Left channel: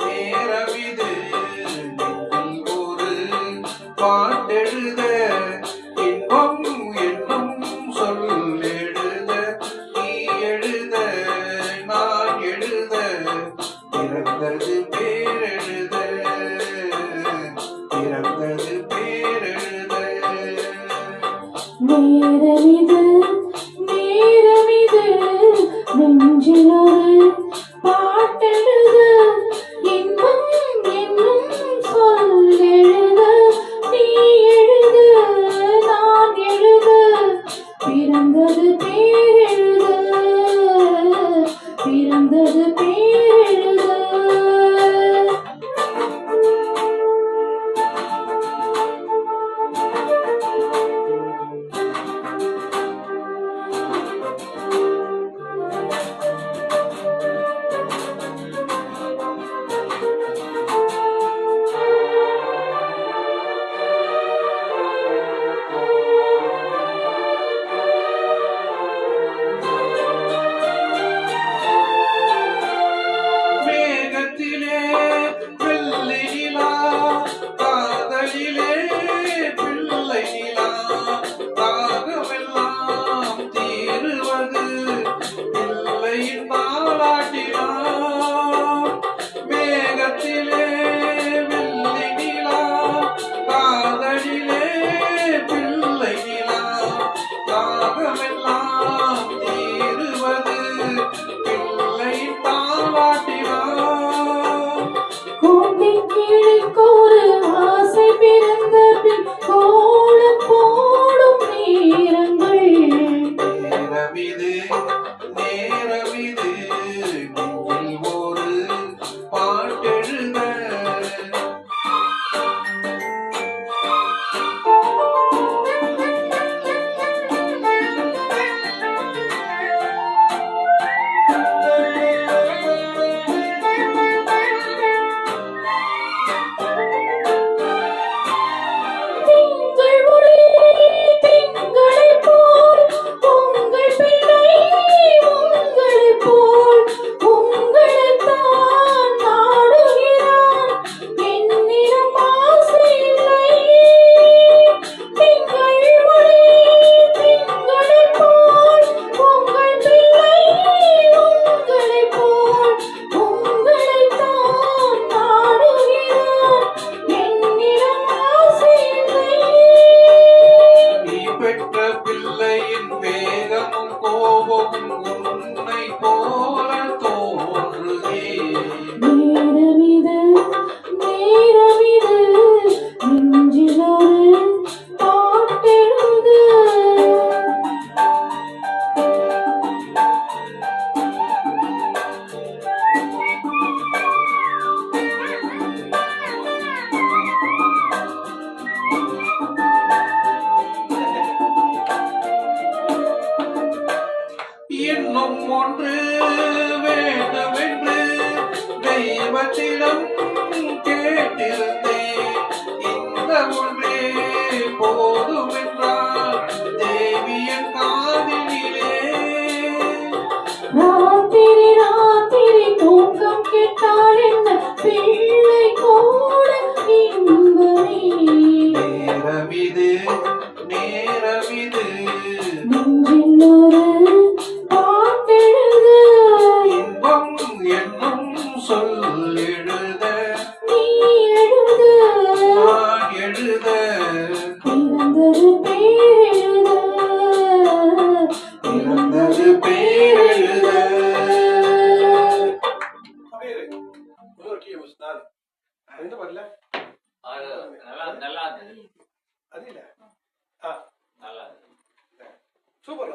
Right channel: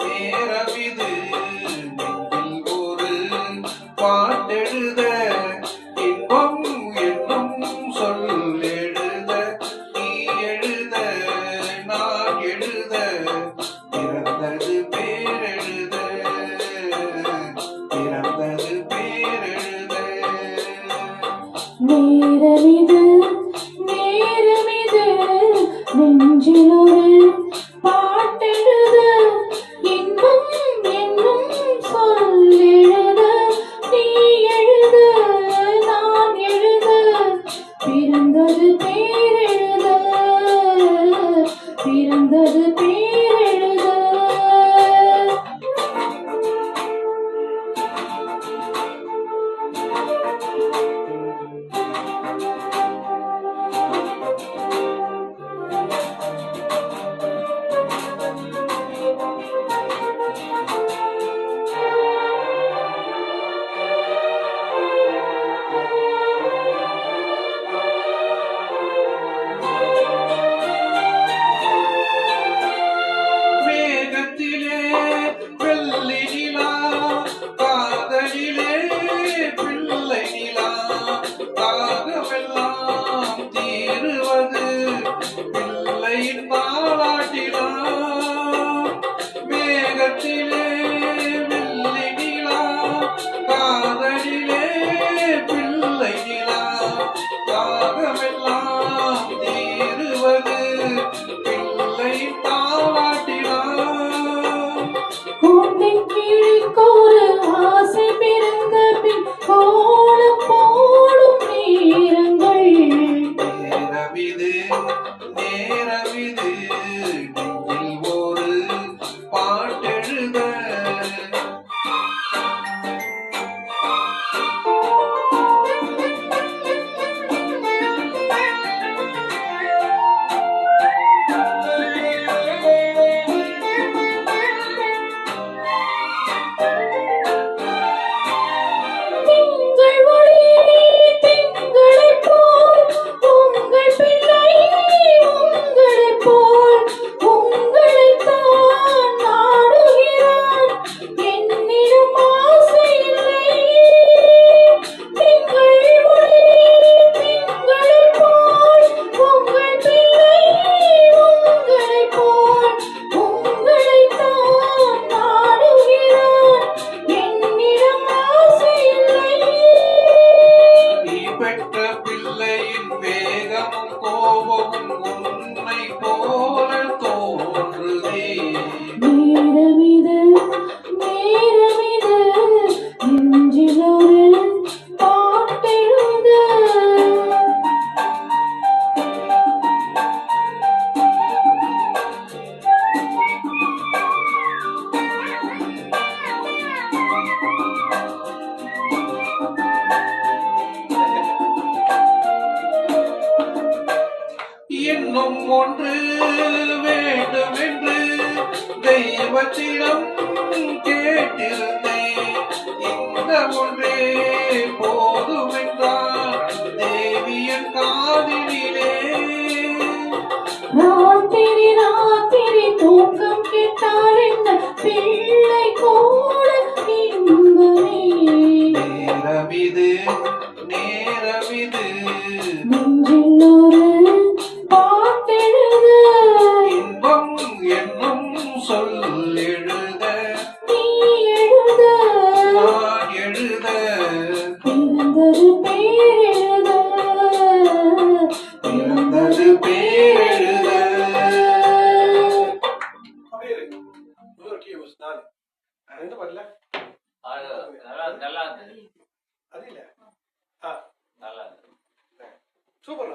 நேரமிது நெஞ்சில் ஒரு பாட்டெழுத இன்பம் என்னும் சொல் எழுத நீ எழுத நான் எழுத பிறந்தது பேரெழுத நேரமிது நேரமிது நெஞ்சில் ஒரு பாட்டெழுத இன்பம் என்னும் சொல் எழுத நீ எழுத நான் எழுத பிறந்தது பேரெழுத மேகத்திலே வெள்ளி நிலா காதலிலே பிள்ளை நிலா தாகமெல்லாம் தீருவது பிள்ளை பாலாட்டினான். கூட்டின் கிளிக்கொரு ஆசை பிறந்த பின் கோலம் போடும் நேரங்கள் நேரமிது நேரமிது நெஞ்சில் ஒரு பாட்டெழுத வேகமும் கோபமும் உன்னை போல தோன்றுதே. நேரமிது நேரமிது நெஞ்சில் ஒரு பாட்டெழுத இன்னும் ஒன்று வேண்டுமென்று தெய்வத்திடம் கேட்டிருந்தேன். இந்த ஒன்றே போதுமென்றால் தேவியன் காதினிலே. ராத்திரி ராத்திரி தூக்கம் கெட்டால் என்ன பிள்ளை கூட இன்பமே. நேரமிது நேரமிது நெஞ்சில் ஒரு பாட்டெழுத இன்பம் என்னும் சொல் எழுத நீ எழுத நான் எழுத பிறந்தது பேரெழுத பிறந்தது பேரெழுத. சூப்பர்.